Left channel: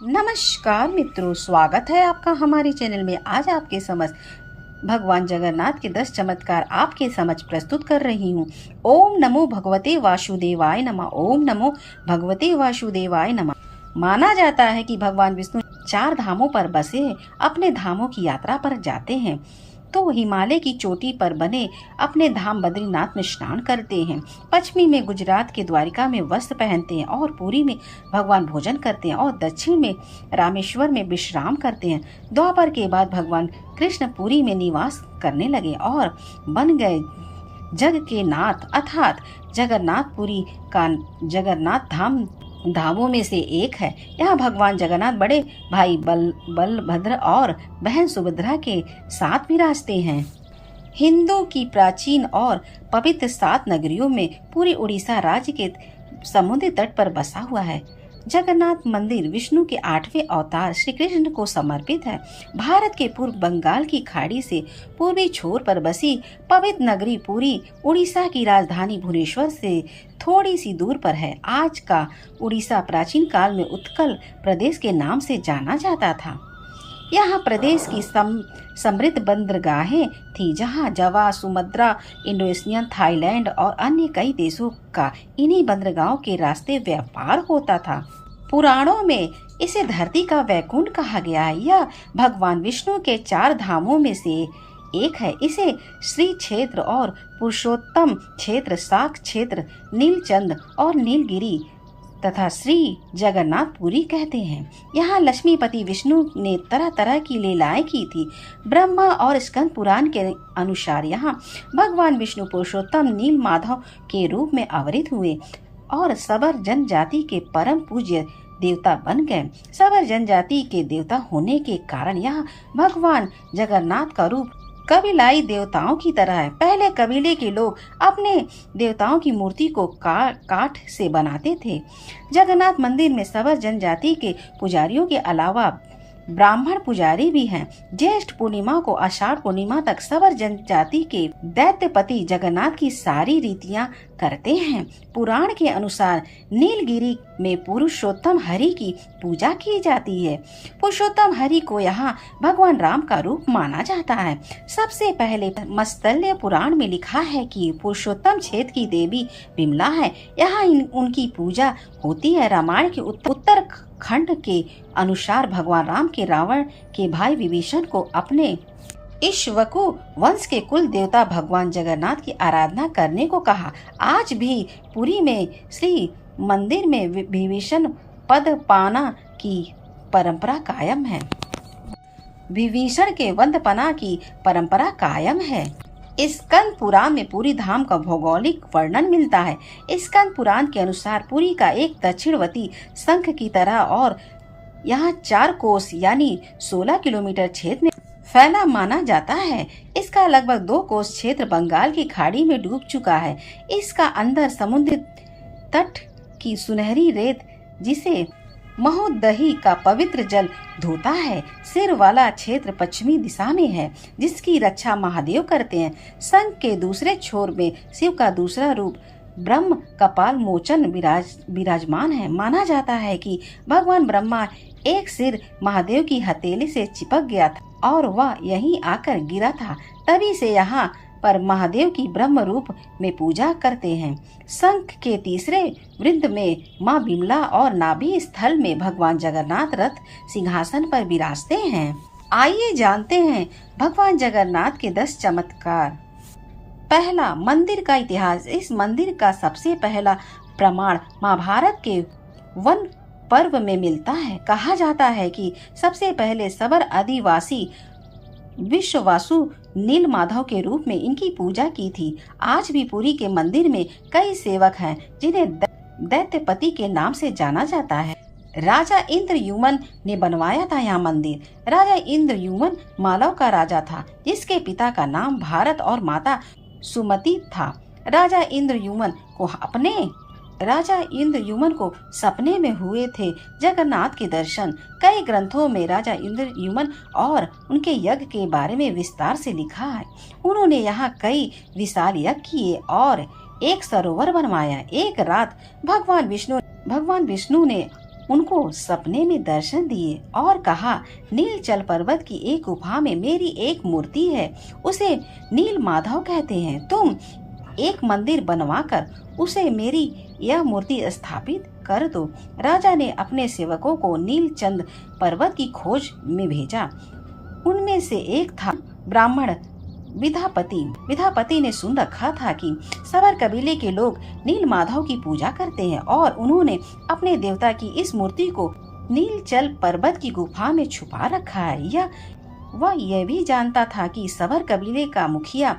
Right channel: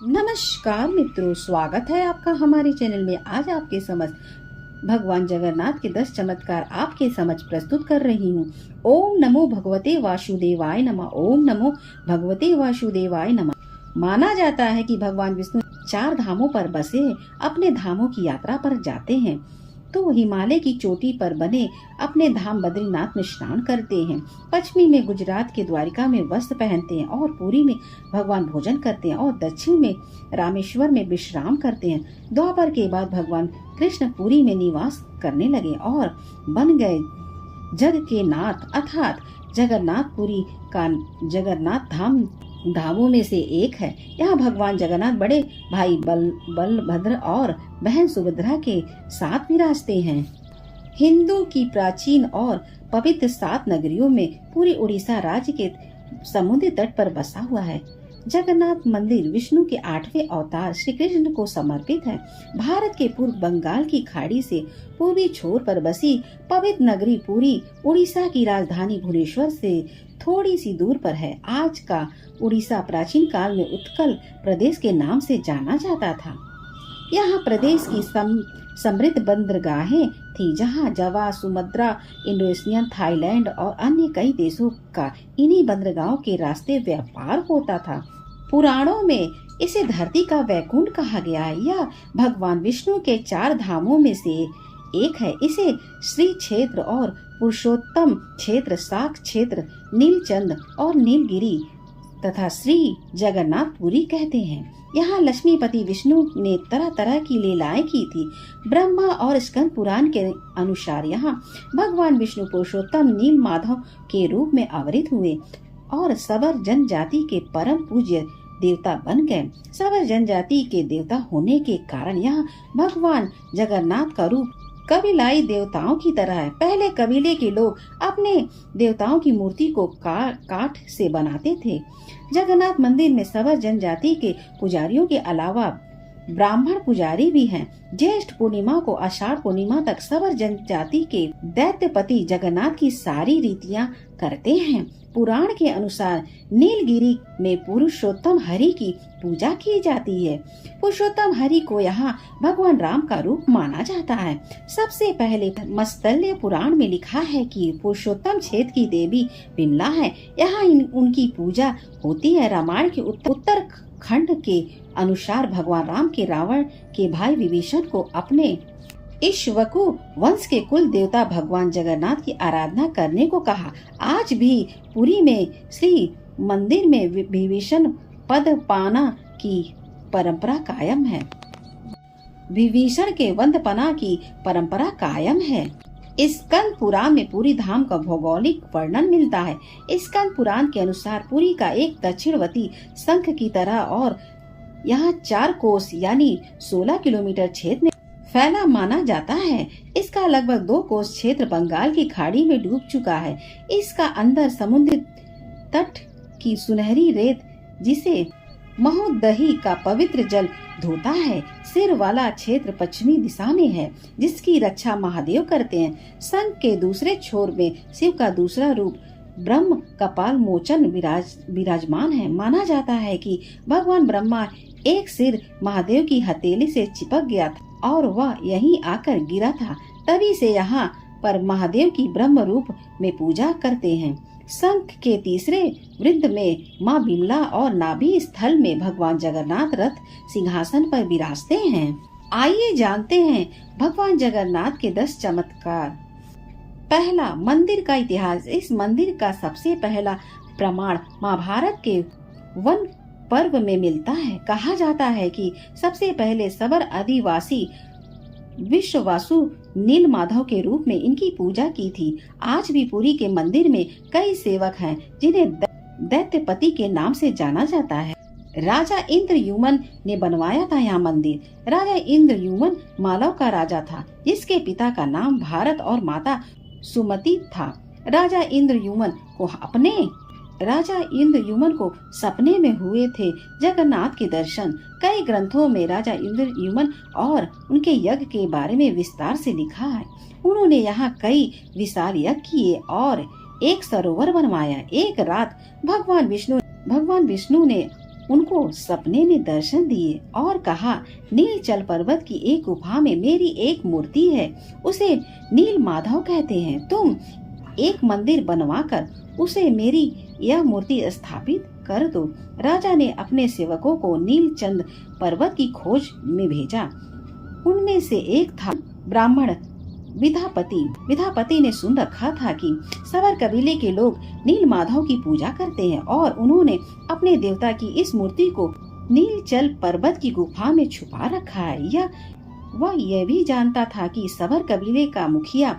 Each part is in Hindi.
नमस्कार मित्रों, स्वागत है आपका हमारे चैनल में। आज आपके समक्ष भगवान जगन्नाथ के 10 चमत्कार आपके समक्ष प्रस्तुत कर रही हूँ। ओम नमो भगवते वासुदेवाय नमः। ओम नमो भगवते वासुदेवाय नमः। माना जाता है कि भगवान विष्णु 4 धामों पर बसे हैं। अपने धामों की यात्रा पर जाते हैं तो हिमालय की चोटी पर बने अपने धाम बद्रीनाथ में स्नान करते हैं। पश्चिमी में गुजरात के द्वारिका में वस्त्र पहनते हैं और पुरी में भगवान भोजन करते हैं और दक्षिण में रामेश्वर में विश्राम करते हैं। द्वापर के बाद भगवान कृष्ण पुरी में निवास करने लगे और बन गए जग के नाथ अर्थात जगन्नाथपुरी का जगन्नाथ धाम धामों में से एक है। यहाँ भगवान जगन्नाथ बड़े भाई बलभद्र और बहन सुभद्रा के साथ विराजते हैं। हिंदू की प्राचीन और पवित्र 7 नगरियों में पूरी उड़ीसा राज्य के समुद्री तट पर बसा हुआ है। जगन्नाथ मंदिर विष्णु के 8वें अवतार श्री कृष्ण को समर्पित है। भारत के पूर्व बंगाल की खाड़ी से पूर्वी छोर पर बसी पवित्र नगरी पुरी उड़ीसा की राजधानी भुवनेश्वर से थोड़ी सी दूर पर है। आज का उड़ीसा प्राचीन काल में उत्कल प्रदेश के नाम से जाना जाता था। यहाँ प्रदेश की समृद्ध बंदरगाहें थी, जहाँ जावा, सुमात्रा, इंडोनेशिया, थाईलैंड और अन्य कई देशों का इन्हीं बंदरगाहों के रास्ते व्यापार होता था। पुराणों में इसे धरती का वैकुंठ कहा गया है। यह भगवान विष्णु के 4 धामों में से एक है। इसे श्री क्षेत्र और पुरुषोत्तम क्षेत्र, शाक क्षेत्र, नीलचंद और नीलगिरी तथा श्री जगन्नाथपुरी कहते हैं। यहाँ लक्ष्मीपति विष्णु ने तरह तरह की लीलाएं की थी। ब्रह्मा और स्कंद पुराण के अनुसार यहाँ भगवान विष्णु पुरुषोत्तम नील माधव के रूप में अवतरित हुए और सबर जनजाति के परम पूज्य देवता बन गए। सबर जनजाति के देवता होने के कारण यहाँ भगवान जगन्नाथ का रूप कबीलाई देवताओं की तरह है। पहले कबीले के लोग अपने देवताओं की मूर्ति को काठ से बनाते थे। जगन्नाथ मंदिर में सबर जनजाति के पुजारियों के अलावा ब्राह्मण पुजारी भी हैं। ज्येष्ठ पूर्णिमा को आषाढ़ पूर्णिमा तक सबर जनजाति के दैत्यपति जगन्नाथ की सारी रीतियां करते हैं। पुराण के अनुसार नीलगिरी में पुरुषोत्तम हरि की पूजा की जाती है। पुरुषोत्तम हरि को यहाँ भगवान राम का रूप माना जाता है। सबसे पहले मत्स्य पुराण में लिखा है कि पुरुषोत्तम क्षेत्र की देवी विमला है। यहाँ उनकी पूजा होती है। रामायण के उत्तर खंड के अनुसार भगवान राम के रावण के भाई विभीषण को अपने इक्ष्वाकु वंश के कुल देवता भगवान जगन्नाथ की आराधना करने को कहा। आज भी पुरी में श्री मंदिर में विभीषण पद पाना की परंपरा कायम है। विभीषण के वंदपना की परंपरा कायम है। स्कंद पुराण में पुरी धाम का भौगोलिक वर्णन मिलता है। स्कंद पुराण के अनुसार पुरी का एक दक्षिणवर्ती शंख की तरह और यहाँ 4 कोस यानी 16 किलोमीटर क्षेत्र में फैला माना जाता है। इसका लगभग 2 कोस क्षेत्र बंगाल की खाड़ी में डूब चुका है। इसका अंदर समुद्र तट की सुनहरी रेत जिसे महोदही का पवित्र जल धोता है। सिर वाला क्षेत्र पश्चिमी दिशा में है, जिसकी रक्षा महादेव करते हैं। शंख के दूसरे छोर में शिव का दूसरा रूप ब्रह्म कपाल मोचन विराजमान है। माना जाता है कि भगवान ब्रह्मा एक सिर महादेव की हथेली से चिपक गया था और वह यहीं आकर गिरा था। तभी से यहाँ पर महादेव की ब्रह्म रूप में पूजा करते हैं। शंख के तीसरे वृंद में माँ बिमला और नाभि स्थल में भगवान जगन्नाथ रथ सिंहासन पर विराजते हैं। आइए जानते हैं भगवान जगन्नाथ के 10 चमत्कार। पहला, मंदिर का इतिहास। इस मंदिर का सबसे पहला प्रमाण महाभारत के वन पर्व में मिलता है। कहा जाता है कि सबसे पहले सबर आदिवासी विश्ववासु नील माधव के रूप में इनकी पूजा की थी। आज भी पुरी के मंदिर में कई सेवक हैं जिन्हें दैत्यपति के नाम से जाना जाता है। राजा इंद्रयुमन ने बनवाया था यह मंदिर। राजा इंद्रयुमन मालव का राजा था, जिसके पिता का नाम भारत और माता सुमति था। राजा इंद्रयुमन को सपने में हुए थे जगन्नाथ के दर्शन। कई ग्रंथों में राजा इंद्रयुमन और उनके यज्ञ के बारे में विस्तार से लिखा है। उन्होंने यहाँ कई विशाल यज्ञ किए और एक सरोवर बनवाया। एक रात भगवान विष्णु ने उनको सपने में दर्शन दिए और कहा, नीलचल पर्वत की एक गुफा में मेरी एक मूर्ति है, उसे नील माधव कहते हैं। तुम एक मंदिर बनवाकर उसे मेरी यह मूर्ति स्थापित कर दो। राजा ने अपने सेवकों को नीलचंद पर्वत की खोज में भेजा। उनमें से एक था ब्राह्मण विधापति। विधापति ने सुन रखा था कि सवर कबीले के लोग नील माधव की पूजा करते हैं और उन्होंने अपने देवता की इस मूर्ति को नीलचल पर्वत की गुफा में छुपा रखा है। वह यह भी जानता था कि सवर कबीले का मुखिया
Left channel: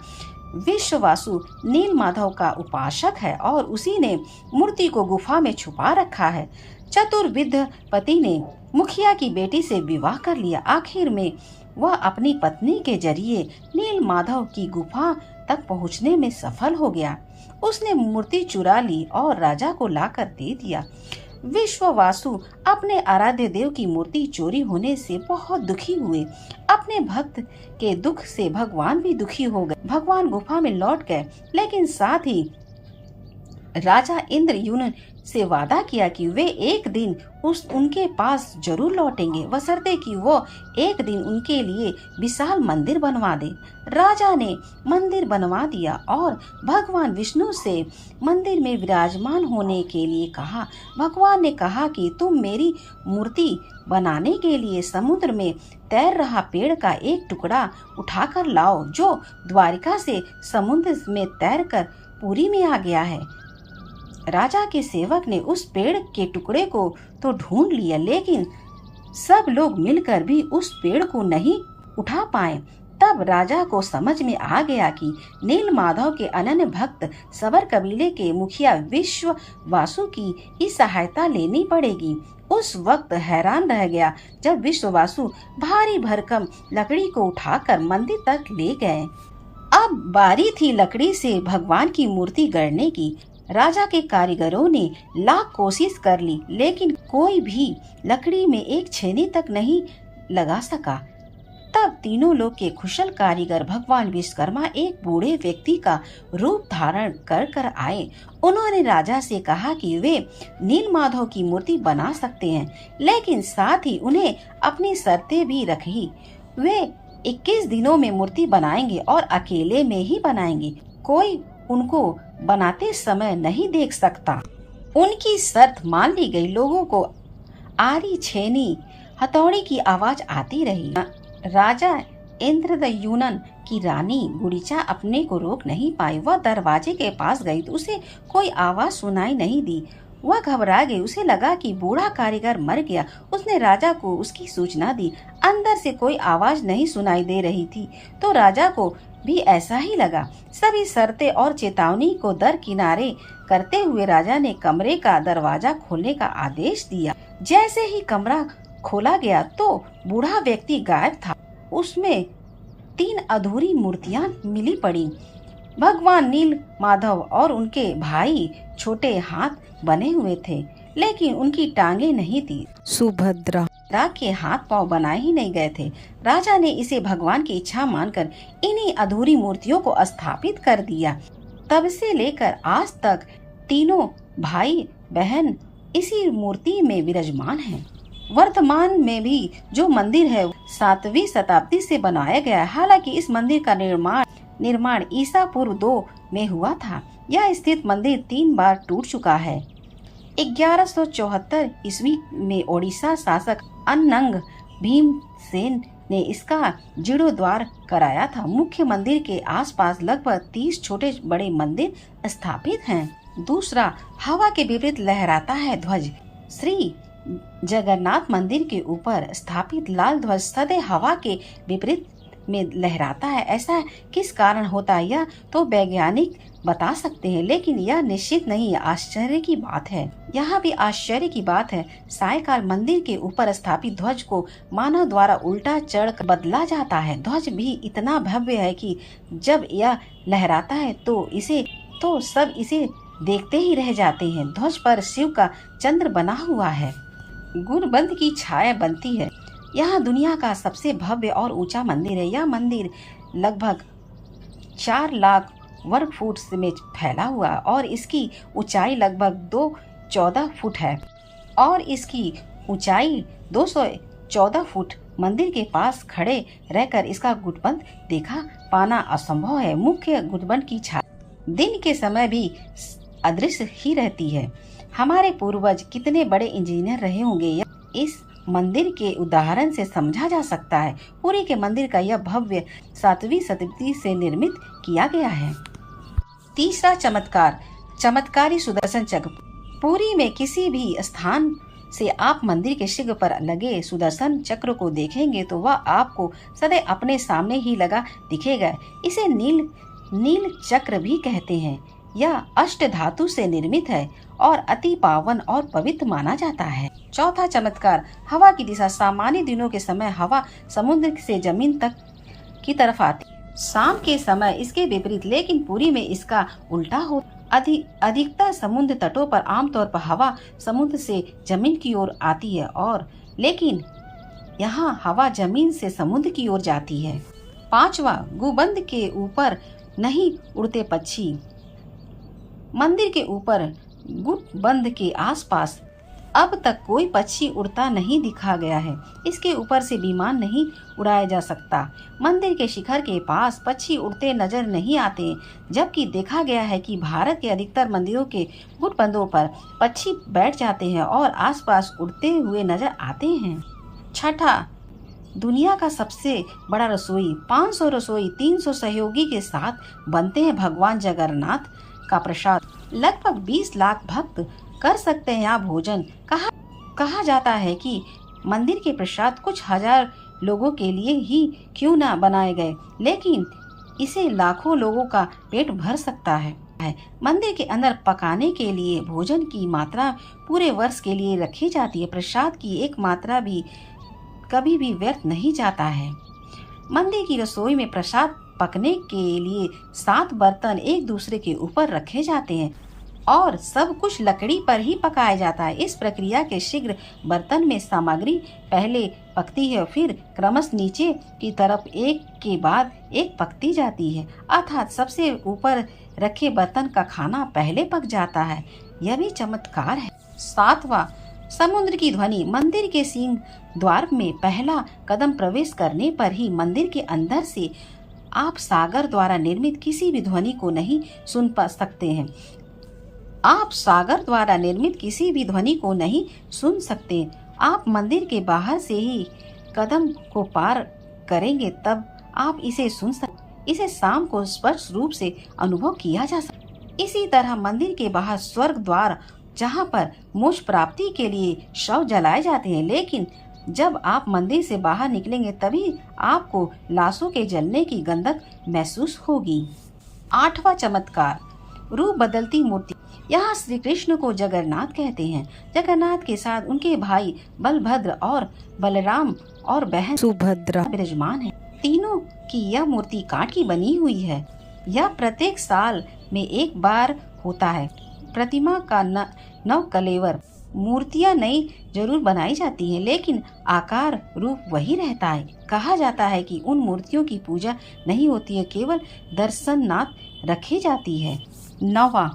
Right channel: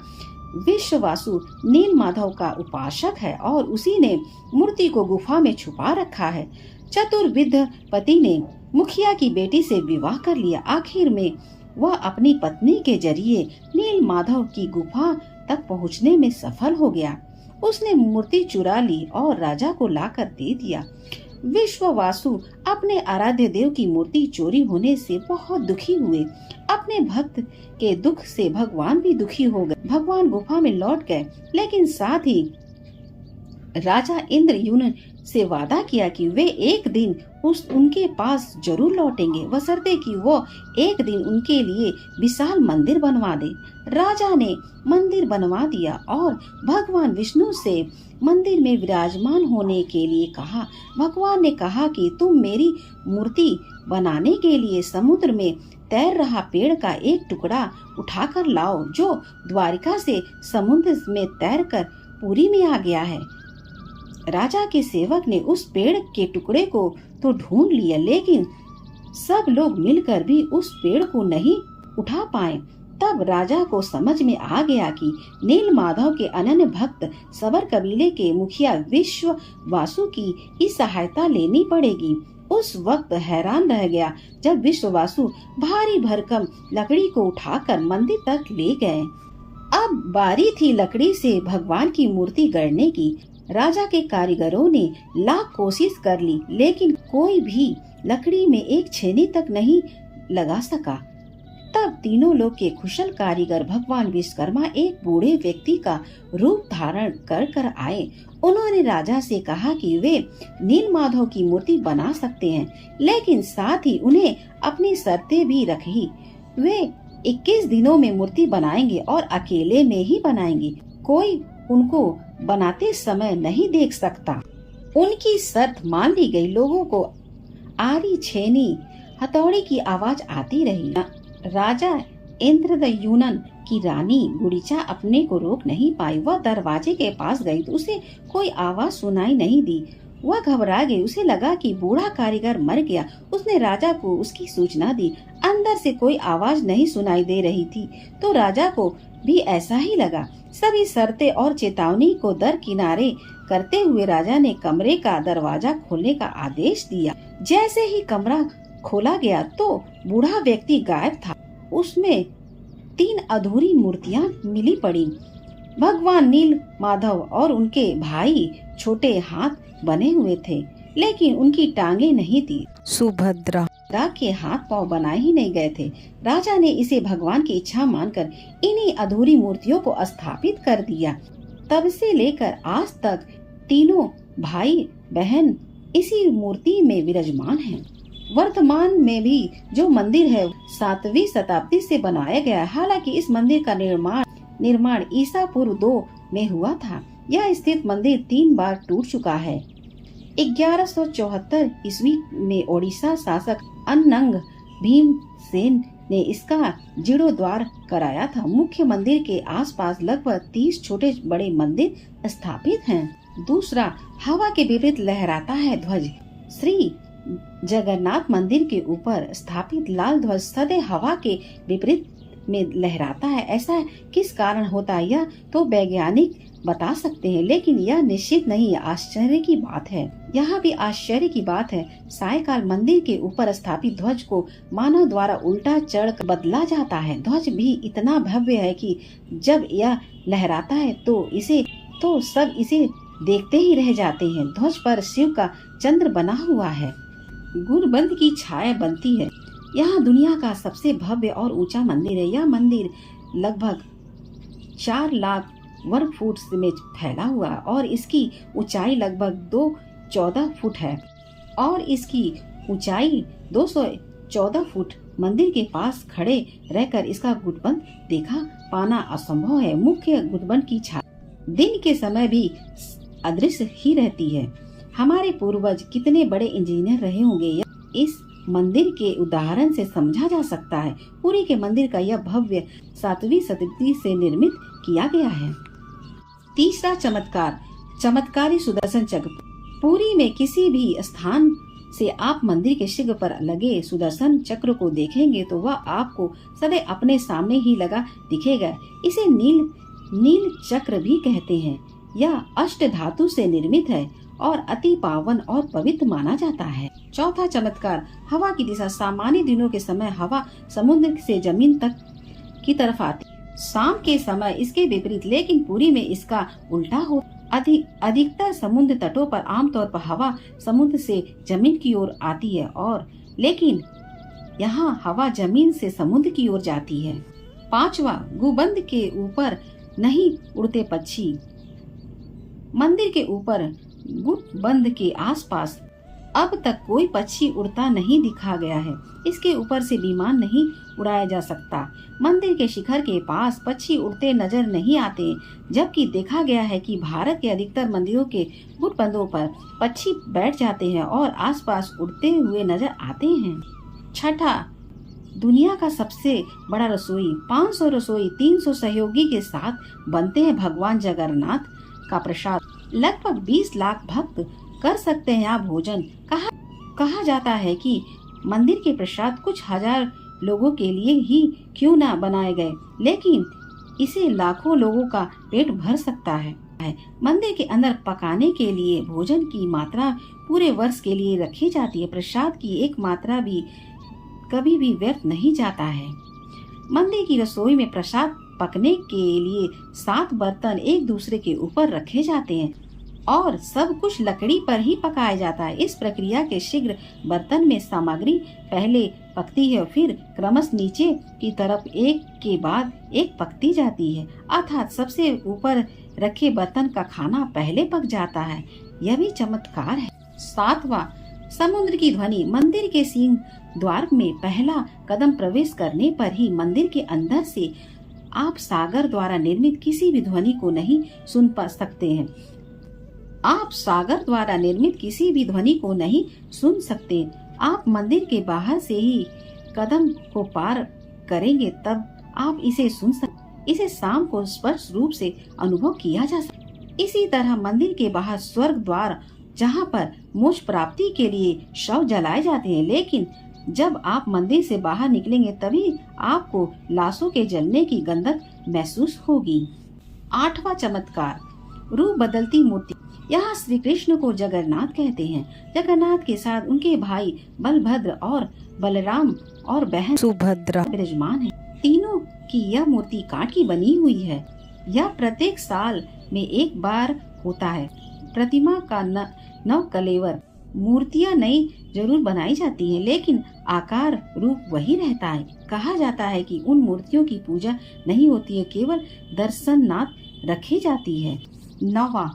विश्ववासु नील माधव का उपासक है और उसी ने मूर्ति को गुफा में छुपा रखा है। चतुर विधापति ने मुखिया की बेटी से विवाह कर लिया। आखिर में वह अपनी पत्नी के जरिए नील माधव की गुफा तक पहुंचने में सफल हो गया। उसने मूर्ति चुरा ली और राजा को लाकर दे दिया। विश्ववासु अपने आराध्य देव की मूर्ति चोरी होने से बहुत दुखी हुए। अपने भक्त के दुख से भगवान भी दुखी हो गए। भगवान गुफा में लौट गए, लेकिन साथ ही राजा इंद्रयुम्न से वादा किया कि वे एक दिन उनके पास जरूर लौटेंगे, बशर्ते कि वो एक दिन उनके लिए विशाल मंदिर बनवा दे। राजा ने मंदिर बनवा दिया और भगवान विष्णु से मंदिर में विराजमान होने के लिए कहा। भगवान ने कहा कि तुम मेरी मूर्ति बनाने के लिए समुद्र में तैर रहा पेड़ का एक टुकड़ा उठाकर लाओ, जो द्वारिका से समुद्र में तैरकर पुरी में आ गया है। राजा के सेवक ने उस पेड़ के टुकड़े को तो ढूंढ लिया, लेकिन सब लोग मिलकर भी उस पेड़ को नहीं उठा पाए। तब राजा को समझ में आ गया कि नील माधव के अनन्य भक्त सवर कबीले के मुखिया विश्ववासु की ही सहायता लेनी पड़ेगी। उस वक्त हैरान रह गया जब विश्ववासु भारी भरकम लकड़ी को उठाकर मंदिर तक ले गए। अब बारी थी लकड़ी से भगवान की मूर्ति गढ़ने की। राजा के कारीगरों ने लाख कोशिश कर ली, लेकिन कोई भी लकड़ी में एक छेनी तक नहीं लगा सका। तब तीनों लोग के कुशल कारीगर भगवान विश्वकर्मा एक बूढ़े व्यक्ति का रूप धारण कर आए। उन्होंने राजा से कहा कि वे नील माधव की मूर्ति बना सकते हैं, लेकिन साथ ही उन्हें अपनी शर्तें भी रखी। वे 21 दिनों में मूर्ति बनाएंगे और अकेले में ही बनाएंगे, कोई उनको बनाते समय नहीं देख सकता। उनकी शर्त मान ली गई। लोगों को आरी छेनी हथौड़ी की आवाज आती रही। राजा इंद्रयुम्न की रानी गुड़ीचा अपने को रोक नहीं पाई। वह दरवाजे के पास गई तो उसे कोई आवाज सुनाई नहीं दी। वह घबरा गई। उसे लगा कि बूढ़ा कारीगर मर गया। उसने राजा को उसकी सूचना दी। अंदर से कोई आवाज नहीं सुनाई दे रही थी, तो राजा को भी ऐसा ही लगा। सभी शर्तें और चेतावनी को दरकिनारे करते हुए राजा ने कमरे का दरवाजा खोलने का आदेश दिया। जैसे ही कमरा खोला गया तो बूढ़ा व्यक्ति गायब था। उसमें 3 अधूरी मूर्तियां मिली पड़ी। भगवान नील माधव और उनके भाई छोटे हाथ बने हुए थे, लेकिन उनकी टांगे नहीं थी। सुभद्रा के हाथ पांव बनाए ही नहीं गए थे। राजा ने इसे भगवान की इच्छा मानकर इन्हीं अधूरी मूर्तियों को स्थापित कर दिया। तब से लेकर आज तक तीनों भाई बहन इसी मूर्ति में विराजमान हैं। वर्तमान में भी जो मंदिर है 7वीं शताब्दी से बनाया गया है। हालांकि इस मंदिर का निर्माण ईसा पूर्व 2 में हुआ था। यह स्थित मंदिर 3 बार टूट चुका है। 1174 ईस्वी में ओडिशा शासक अनंग भीमसेन ने इसका जीर्णोद्धार कराया था। मुख्य मंदिर के आसपास लगभग 30 छोटे बड़े मंदिर स्थापित हैं। दूसरा, हवा के विपरीत लहराता है ध्वज। श्री जगन्नाथ मंदिर के ऊपर स्थापित लाल ध्वज सदैव हवा के विपरीत में लहराता है। ऐसा किस कारण होता है यह तो वैज्ञानिक बता सकते हैं, लेकिन यह निश्चित नहीं। आश्चर्य की बात है। यहाँ भी आश्चर्य की बात है। सायकाल मंदिर के ऊपर स्थापित ध्वज को मानव द्वारा उल्टा चढ़ बदला जाता है। ध्वज भी इतना भव्य है कि जब यह लहराता है तो सब इसे देखते ही रह जाते हैं। ध्वज पर शिव का चंद्र बना हुआ है। गुणबंद की छाया बनती है। यहाँ दुनिया का सबसे भव्य और ऊंचा मंदिर है। यह मंदिर लगभग 4 लाख वर्ग फुट में फैला हुआ और इसकी ऊंचाई लगभग 214 फुट है। और इसकी ऊंचाई 214 फुट। मंदिर के पास खड़े रहकर इसका गुटबंद देखा पाना असंभव है। मुख्य गुटबंद की छाया दिन के समय भी अदृश्य ही रहती है। हमारे पूर्वज कितने बड़े इंजीनियर रहे होंगे, यह इस मंदिर के उदाहरण से समझा जा सकता है। पुरी के मंदिर का यह भव्य 7वीं शताब्दी से निर्मित किया गया है। तीसरा चमत्कार, चमत्कारी सुदर्शन चक्र। पुरी में किसी भी स्थान से आप मंदिर के शिखर पर लगे सुदर्शन चक्र को देखेंगे तो वह आपको सदैव अपने सामने ही लगा दिखेगा। इसे नील चक्र भी कहते हैं। यह अष्ट धातु से निर्मित है और अति पावन और पवित्र माना जाता है। चौथा चमत्कार, हवा की दिशा। सामान्य दिनों के समय हवा समुद्र से जमीन तक की तरफ आती, शाम के समय इसके विपरीत, लेकिन पुरी में इसका उल्टा हो। अधिकतर समुद्र तटों पर आमतौर पर हवा समुद्र से जमीन की ओर आती है और लेकिन यहाँ हवा जमीन से समुद्र की ओर जाती है। पांचवा, गुंबद के ऊपर नहीं उड़ते पक्षी। मंदिर के ऊपर गुंबद के आसपास अब तक कोई पक्षी उड़ता नहीं दिखा गया है। इसके ऊपर से विमान नहीं उड़ाया जा सकता। मंदिर के शिखर के पास पक्षी उड़ते नजर नहीं आते, जबकि देखा गया है कि भारत के अधिकतर मंदिरों के गुंबदों पर पक्षी बैठ जाते हैं और आसपास उड़ते हुए नजर आते हैं। छठा, दुनिया का सबसे बड़ा रसोई। 500 रसोई 300 सहयोगी के साथ बनते हैं भगवान जगन्नाथ का प्रसाद। लगभग 20 लाख भक्त कर सकते हैं यहाँ भोजन। कहा जाता है कि मंदिर के प्रसाद कुछ हजार लोगों के लिए ही क्यों न बनाए गए, लेकिन इसे लाखों लोगों का पेट भर सकता है। मंदिर के अंदर पकाने के लिए भोजन की मात्रा पूरे वर्ष के लिए रखी जाती है। प्रसाद की एक मात्रा भी कभी भी व्यर्थ नहीं जाता है। मंदिर की रसोई में प्रसाद पकने के लिए 7 बर्तन एक दूसरे के ऊपर रखे जाते हैं और सब कुछ लकड़ी पर ही पकाया जाता है। इस प्रक्रिया के शीघ्र बर्तन में सामग्री पहले पकती है, फिर क्रमशः नीचे की तरफ एक के बाद एक पकती जाती है, अर्थात सबसे ऊपर रखे बर्तन का खाना पहले पक जाता है। यह भी चमत्कार है। 7वां, समुद्र की ध्वनि। मंदिर के सिंह द्वार में पहला कदम प्रवेश करने पर ही मंदिर के अंदर से आप सागर द्वारा निर्मित किसी भी ध्वनि को नहीं सुन पा सकते हैं। आप सागर द्वारा निर्मित किसी भी ध्वनि को नहीं सुन सकते। आप मंदिर के बाहर से ही कदम को पार करेंगे तब आप इसे सुन सकते। इसे शाम को स्पष्ट रूप से अनुभव किया जा सकता। इसी तरह मंदिर के बाहर स्वर्ग द्वार, जहाँ पर मोक्ष प्राप्ति के लिए शव जलाए जाते हैं, लेकिन जब आप मंदिर से बाहर निकलेंगे तभी आपको लाशों के जलने की गंधक महसूस होगी। 8वां चमत्कार, रूप बदलती मूर्ति। यहाँ श्री कृष्ण को जगन्नाथ कहते हैं। जगन्नाथ के साथ उनके भाई बलभद्र और बलराम और बहन सुभद्रा विराजमान है। तीनों की यह मूर्ति काठ की बनी हुई है। यह प्रत्येक साल में एक बार होता है। प्रतिमा का नव कलेवर। मूर्तियाँ नई जरूर बनाई जाती हैं, लेकिन आकार रूप वही रहता है। कहा जाता है कि उन मूर्तियों की पूजा नहीं होती है, केवल दर्शनार्थ रखी जाती है। 9वां,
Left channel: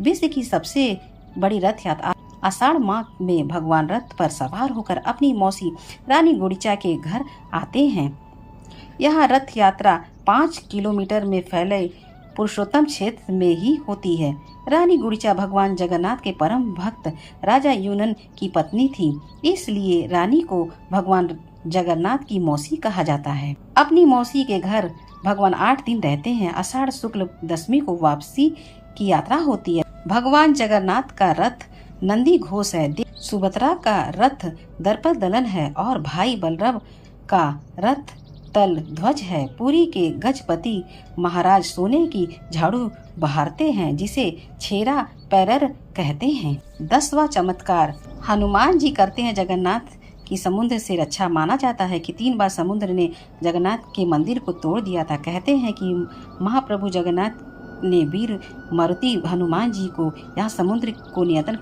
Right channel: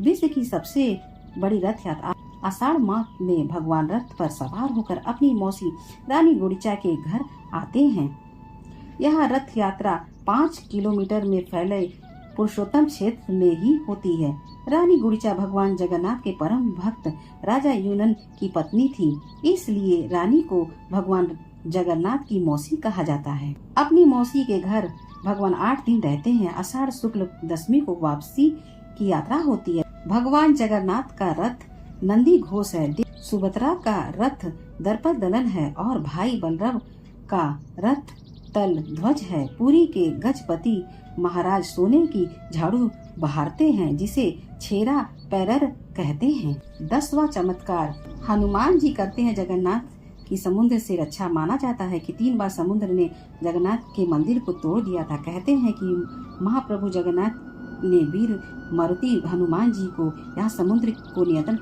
विश्व की सबसे बड़ी रथ यात्रा। आषाढ़ माह में भगवान रथ पर सवार होकर अपनी मौसी रानी गुड़िचा के घर आते हैं। यह रथ यात्रा 5 किलोमीटर में फैले पुरुषोत्तम क्षेत्र में ही होती है। रानी गुड़िचा भगवान जगन्नाथ के परम भक्त राजा यूनन की पत्नी थी, इसलिए रानी को भगवान जगन्नाथ की मौसी कहा जाता है। अपनी मौसी के घर भगवान 8 दिन रहते हैं। आषाढ़ शुक्ल दशमी को वापसी की यात्रा होती है। भगवान जगन्नाथ का रथ नंदी घोष है। सुभद्रा का रथ दर्प दलन है और भाई बलराम का रथ तल ध्वज है। पुरी के गजपति महाराज सोने की झाड़ू बहारते हैं, जिसे छेरा पैरर कहते हैं। 10वां चमत्कार, हनुमान जी करते हैं जगन्नाथ की समुद्र से रक्षा। माना जाता है कि 3 बार समुद्र ने जगन्नाथ के मंदिर को तोड़ दिया था। कहते हैं कि महाप्रभु जगन्नाथ ने वीर मारुति हनुमान जी को यहाँ समुद्र को नियंत्रण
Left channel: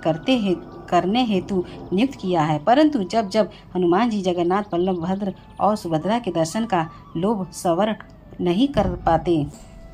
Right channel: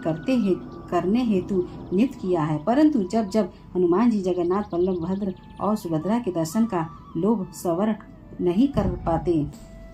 करने हेतु नियुक्त किया है, परंतु जब हनुमान जी जगन्नाथ बलभद्र और सुभद्रा के दर्शन का लोभ सवर नहीं कर पाते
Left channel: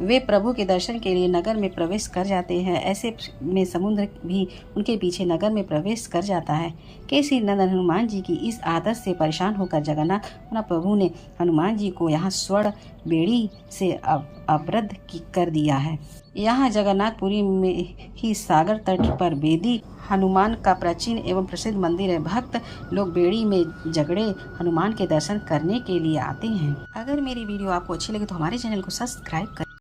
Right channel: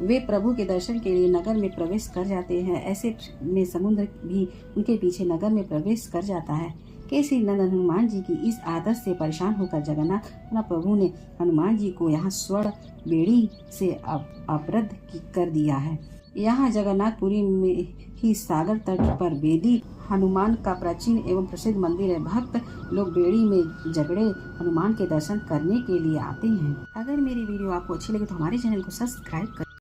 वे प्रभु के दर्शन के लिए नगर में प्रवेश कर जाते हैं। ऐसे में समुद्र भी उनके पीछे नगर में प्रवेश कर जाता है। केसरी नंदन हनुमान जी की इस आदत से परेशान होकर जगन्नाथ महाप्रभु ने हनुमान जी को यहाँ स्वर्ण बेड़ी से अवरुद्ध कर दिया है। यहाँ जगन्नाथपुरी में ही सागर तट पर बेदी हनुमान का प्राचीन एवं प्रसिद्ध मंदिर है। भक्त लोग बेड़ी में जगड़े हनुमान के दर्शन करने के लिए आते हैं। अगर मेरी वीडियो आपको अच्छी लगे तो हमारे चैनल को सब्सक्राइब करें।